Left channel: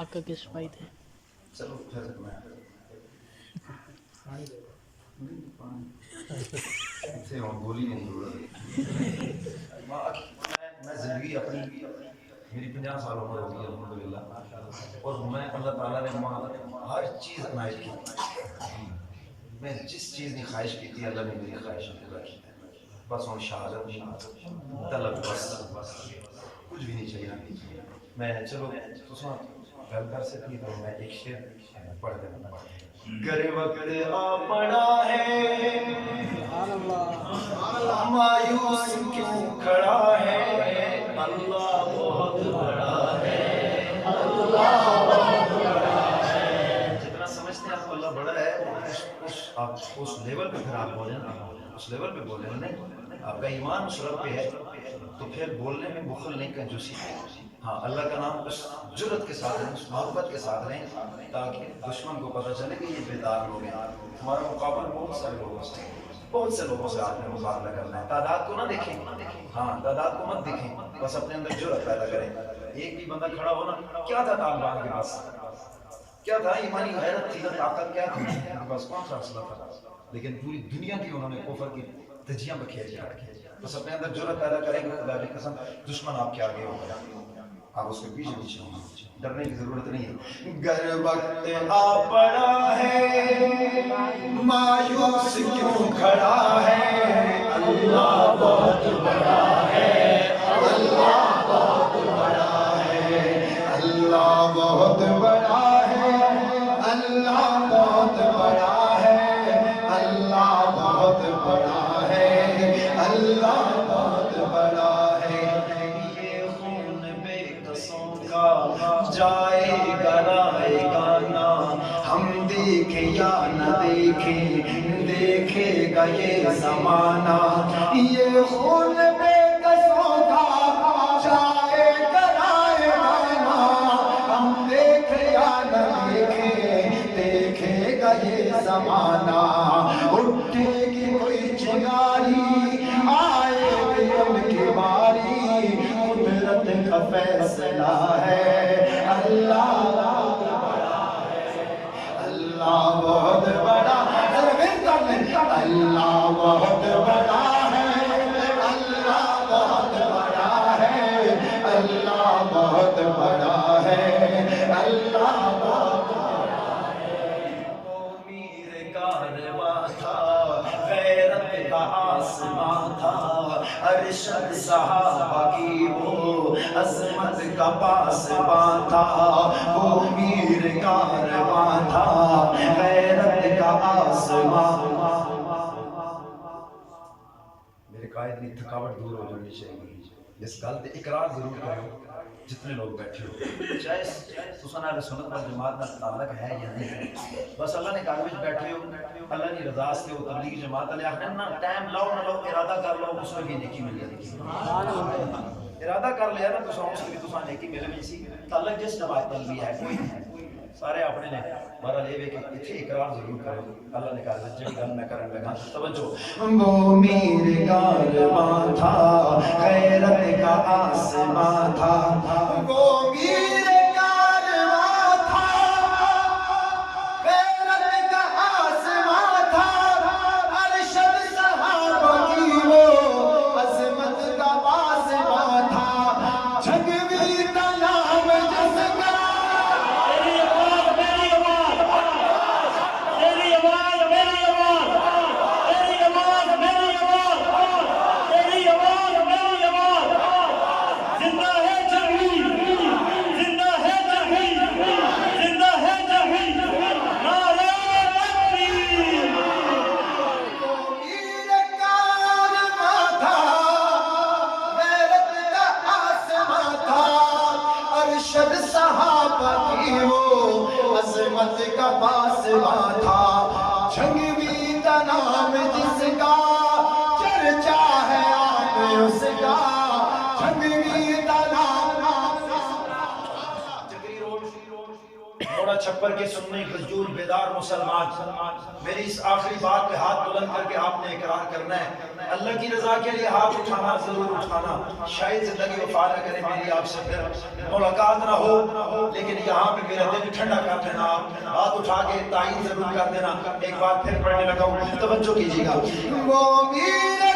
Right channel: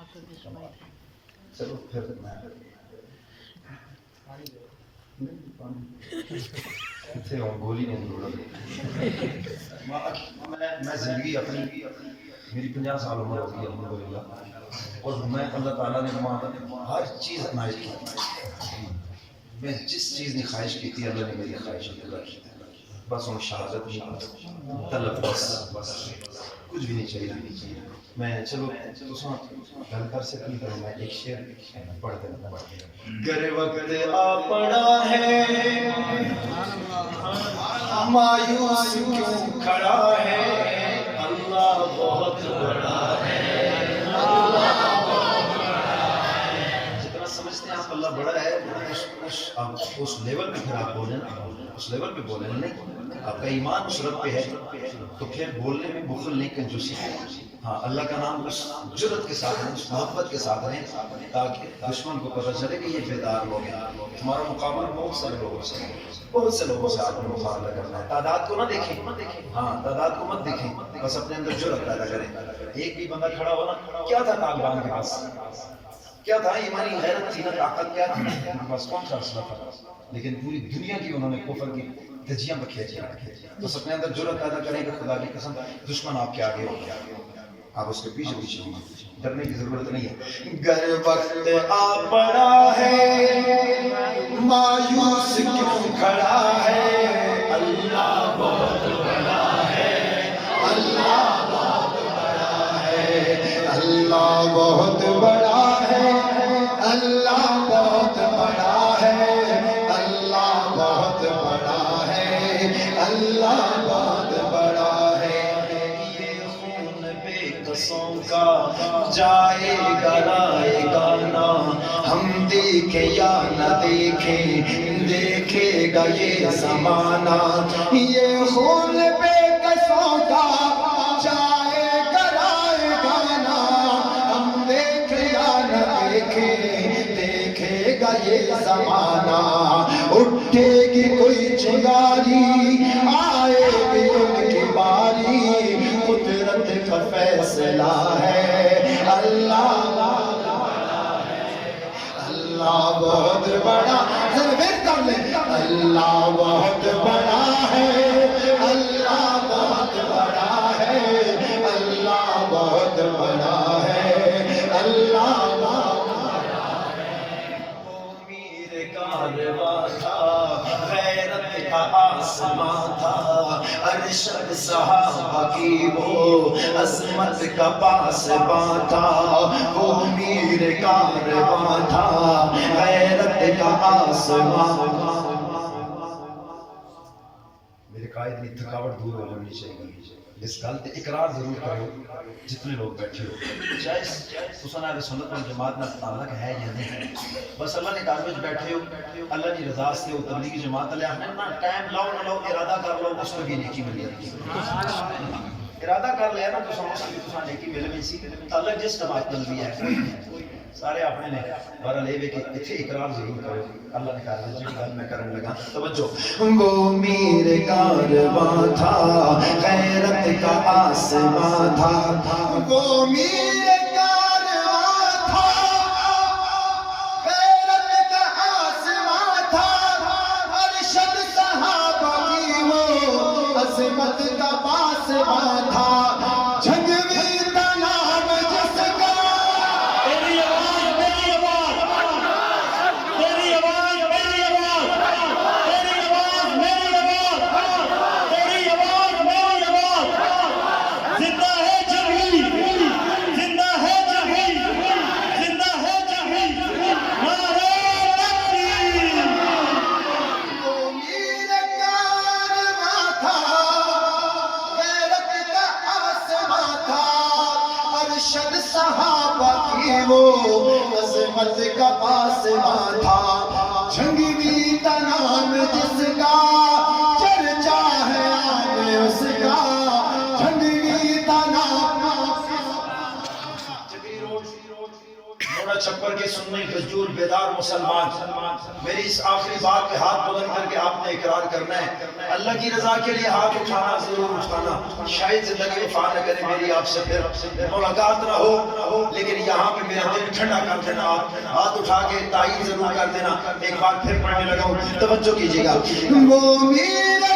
آپ کا گیسٹ بھائی تھے. چلو پھر میں گولی نہیں ضرورت. میں زندگی اپنی میری 50 سال عمر ہو گئی الحمدللہ, اور میں اللہ تعالیٰ نے ہر چیز عنایت کی. میں جس چیز کی خواہش کی تھی اللہ نے میری خواہش پورا کی. بس ہوں شہادت نہیں طلب, بس کچھ بھی نہیں چاہیے. میں چلو تساں گل کر سکتی تو میں ایک شعر پڑھ دینا. گر وقت آ پڑا ہے مایوس کیوں کھڑا ہے, اللہ بہت بڑا ہے, اللہ بہت بڑا ہے. جتنا سمجھتے ہیں آپ اللہ بڑا ہے اس لیول پہ پھر آپ بولیں نا, اس لیول پہ بولیں نہیں. آپ کا ایمان اس رب پہ ہے تو پھر بولنے میں بخل نہیں, کنجوسی ہے. ہاں اللہ کا نام اس جرت کے ساتھ رہیں, اس محبت کے ساتھ رہیں تاکہ دشمن کو پتہ چلے کہ یہ بیدار لوگ ہیں. تمہارا مقابلہ بہت سارے لوگوں سے, بہت سے لوگوں سے آپ نے مقابلہ کرنا ہے. تعداد کو نہ دیکھیں, ہاں تعداد کو مت دیکھیں, بس اپنے اندر جرت پیدا کریں. ایک بھی بندہ کھڑا ہو نا, کیا تھا طالبان کے پاس, کیا تھا ایمانی غیرت تھی نا, طاقت کیا تھی بس, کون سا اسلحہ تھا, لیکن پوری دنیا کی انہوں نے کفر کی دھجیاں بکھیجی رکھی. بس اپنے اندر جرت پیدا کریں کہ خدا کی قسم دشمن آپ کے آگے ہوگا, آپ اس کے پیچھے پیچھے ہوں گے, ڈرنے کی ضرورت نہیں ہے. گر وقت آ پڑا ہے مایوس کیوں کھڑا ہے, اللہ بہت بڑا ہے, اللہ بہت بڑا ہے, اللہ بہت بڑا ہے, اللہ بہت بڑا ہے, اللہ بہت بڑا ہے, اللہ بہت بڑا ہے. یہ خون بے قصوں کا جائے گا رائے گانا, ہم دیکھیں یا نہ دیکھیں دیکھے گا یہ زمانہ. یہ خون بے قصوں کا جائے گا رائے گانا, ہم دیکھیں یا نہ دیکھیں دیکھے گا یہ زمانہ. اٹھے گی کوئی چنگاری آئے گی ان کی باری, قدرت کا فیصلہ ہے, اللہ بہت بڑا ہے, اللہ بہت بڑا ہے, اللہ بہت بڑا ہے, اللہ بہت بڑا ہے, اللہ بہت بڑا ہے, اللہ بہت بڑا ہے. وہ میر کارواں تھا, غیرت کا آسماں تھا, ارشد صحابہ کی وہ عظمت کا پاسباں تھا. وہ میر کارواں تھا, غیرت کا آسماں. میرے قائد کی تھکاوٹ دور ہو جانی چاہیے. اس گل تے اقرار ضرور کرو جتنے لوگ بیٹھے ہو, چاہے تساں اہل سنت والجماعت نال تعلق ہے یا نہیں, بس اللہ نے گھر وچ بیٹھے ہو, اللہ کی رضا سے ہو, تبلیغی جماعت والے آخنے نا ٹائم لاؤ نہ لاؤ, ارادہ کر لو, اس کو بھی نیکی مل جاتی ہے. ارادہ کر لیا نا تو اس کی تساں نیکی مل گئی سی. تعلق جس جماعت نال بھی ہے کوئی نہیں, سارے اپنے نے. بہرحال یہ کہ اتنے اقرار ضرور کرو, اللہ نے کہا جی گل میں کرن لگا توجہ. وہ میر کارواں تھا, غیرت کا آسماں تھا, وہ میر کارواں تھا, غیرت کا آسماں تھا, ارشد صحابہ کی وہ عظمت کا پاسباں تھا. جھنگوی تناب جس کا, میری آواز میری آواز میری آواز میری آواز میری آواز میری آواز میری آواز میری آواز, زندہ ہے جبھی, زندہ ہے جبھی, زندہ ہے جبھی, نعرہ تکبیر. وہ میر کارواں تھا, غیرت کا آسماں تھا, ارشد صحابہ کی وہ عظمت کا پاسباں تھا. جھنگوی تنام جس کا چرچا ہے آپ اس کا, جھنگوی تنام جگری روڈ موڑا چھپر کے سننے حضور بیدار مسلمان. میری اس آخری بات پہ ہاتھ بلند کر کے آپ نے اقرار کرنا ہے, اللہ کی رضا کے لیے ہاتھ اٹھانا, ضرور اٹھانا. شاید زندگی وفا نہ کرے میری آپ سے پھر ملاقات نہ ہو, لیکن یہاں پہ میرا ٹھنڈا کر دینا. ہاتھ اٹھا کے تائید ضرور کر دینا. ایک بار پھر پڑھنے لگا ہوں, توجہ کیجیے گا. وہ میرا